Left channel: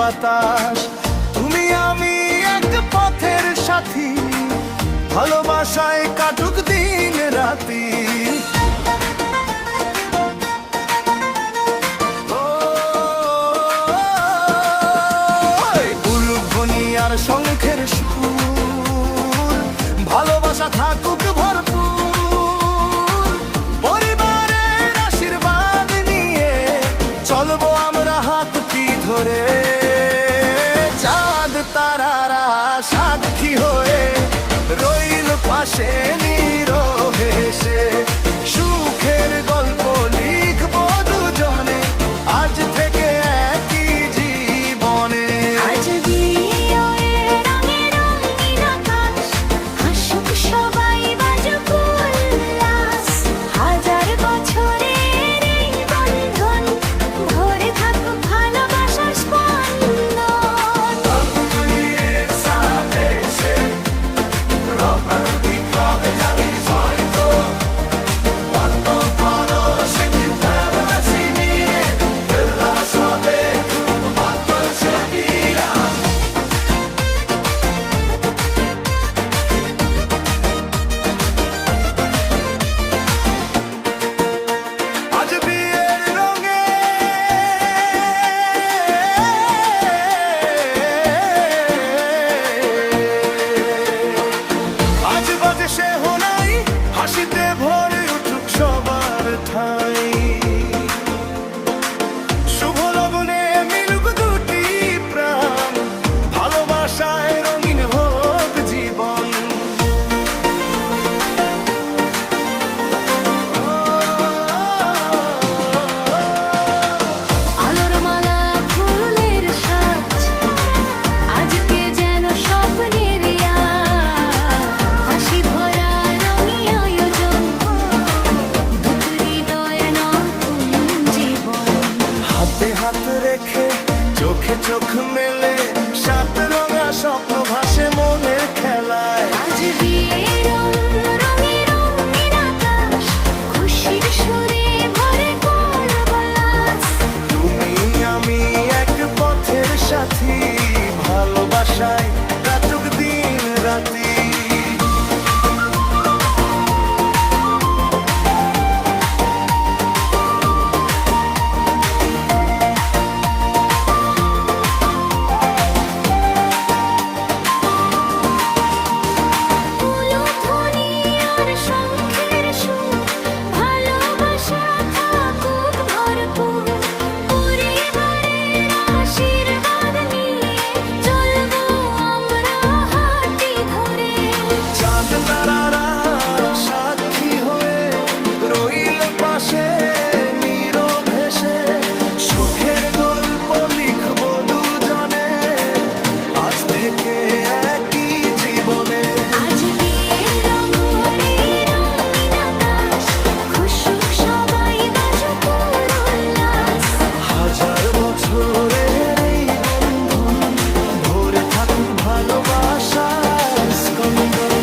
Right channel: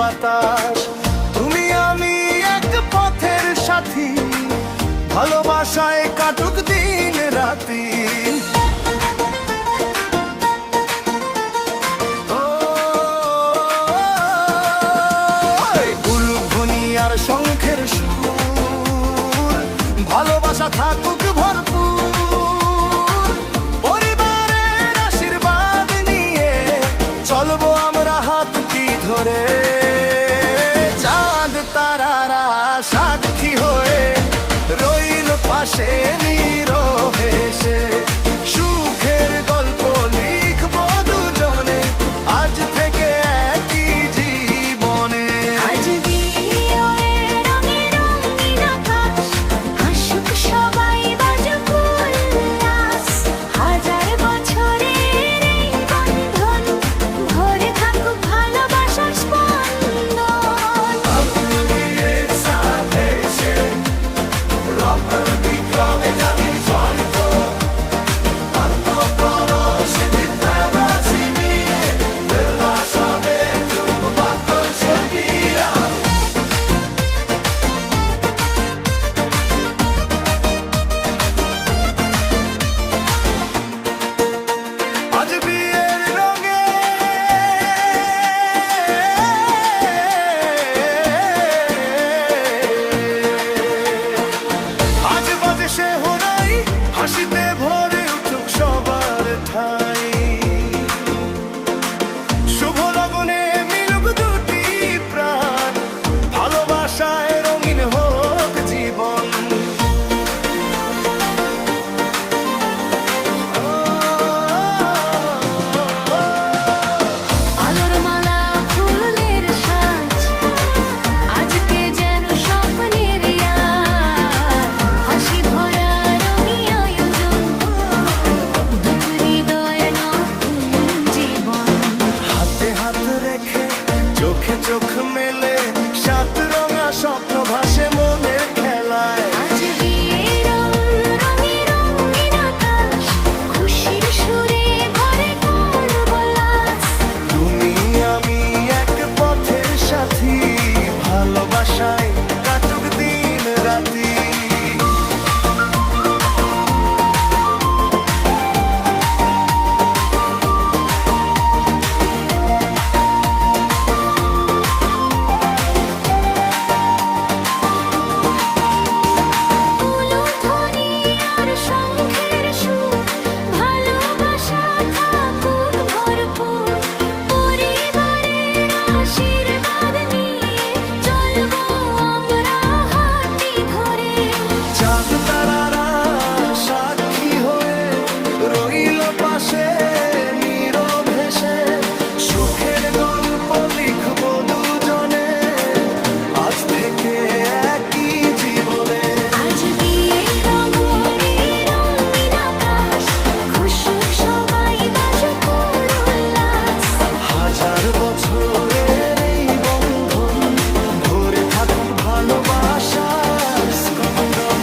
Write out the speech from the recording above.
বাতাস। তুমি আমি এক পথের সাথী, ভালোবাসায় কাটুক দিন রাতি। উলুধ্বনি আর শঙ্খের সুর, ভালোবাসা থাকুক ভরপুর। পরিবারের আশীর্বাদ নিয়ে চলবো আমরা হাতটি ধরে। চাঁদ তারারা সাক্ষী হয়ে রইল পাশে নীরবে সে। সুখের গল্প লিখবো দুজনে আজ থেকে একই জীবনে। আজ বিয়ে রঙে রঙিন আকাশ, হাসুক সবাই বাজুক উল্লাস। হাজার বছরের এই বন্ধন ভরে থাকুক ভালোবাসার স্পন্দন। আজ বিয়ের রঙে আজ বাজে সে হোনাই, হাসিতে ভরে উঠুক সবার ঠাই। শুভ লগনে মিলুক দুটি প্রাণ, ভালোবাসায় রঙিন হোক জীবন। আলোর মালা ফুলের সাজ, আজকে যেন স্বপ্নের হাসি ভরা রঙি আয়োজন। দুটো হৃদয়ের নতুন জীবন। হাতে হাত রেখে চোখে চোখ মেলে, সাত রঙা স্বপ্ন ভাসে মনের খেলায়। আজ বিয়ে রঙে রঙিন আকাশ, খুশির সুরে ভরে করব লাস। তুমি আমি এক পথের সাথী, ভালোবাসায় কাটুক দিন রাতি। উলুধ্বনি আর শঙ্খের সুর, ভালোবাসা থাকুক ভরপুর। পরিবারের আশীর্বাদ নিয়ে চলবো আমরা হাতটি ধরে। চাঁদ তারারা সাক্ষী হয়ে রইল পাশে নীরবে সে। সুখের গল্প লিখবো দুজনে আজ থেকে একই জীবনে। আজ বিয়ের রঙে রঙিন আকাশ, খুশুক সবাই বাজুক উল্লাস। হাজার বছরের এই বন্ধন ভরে থাকুক ভালোবাসার স্পন্দন।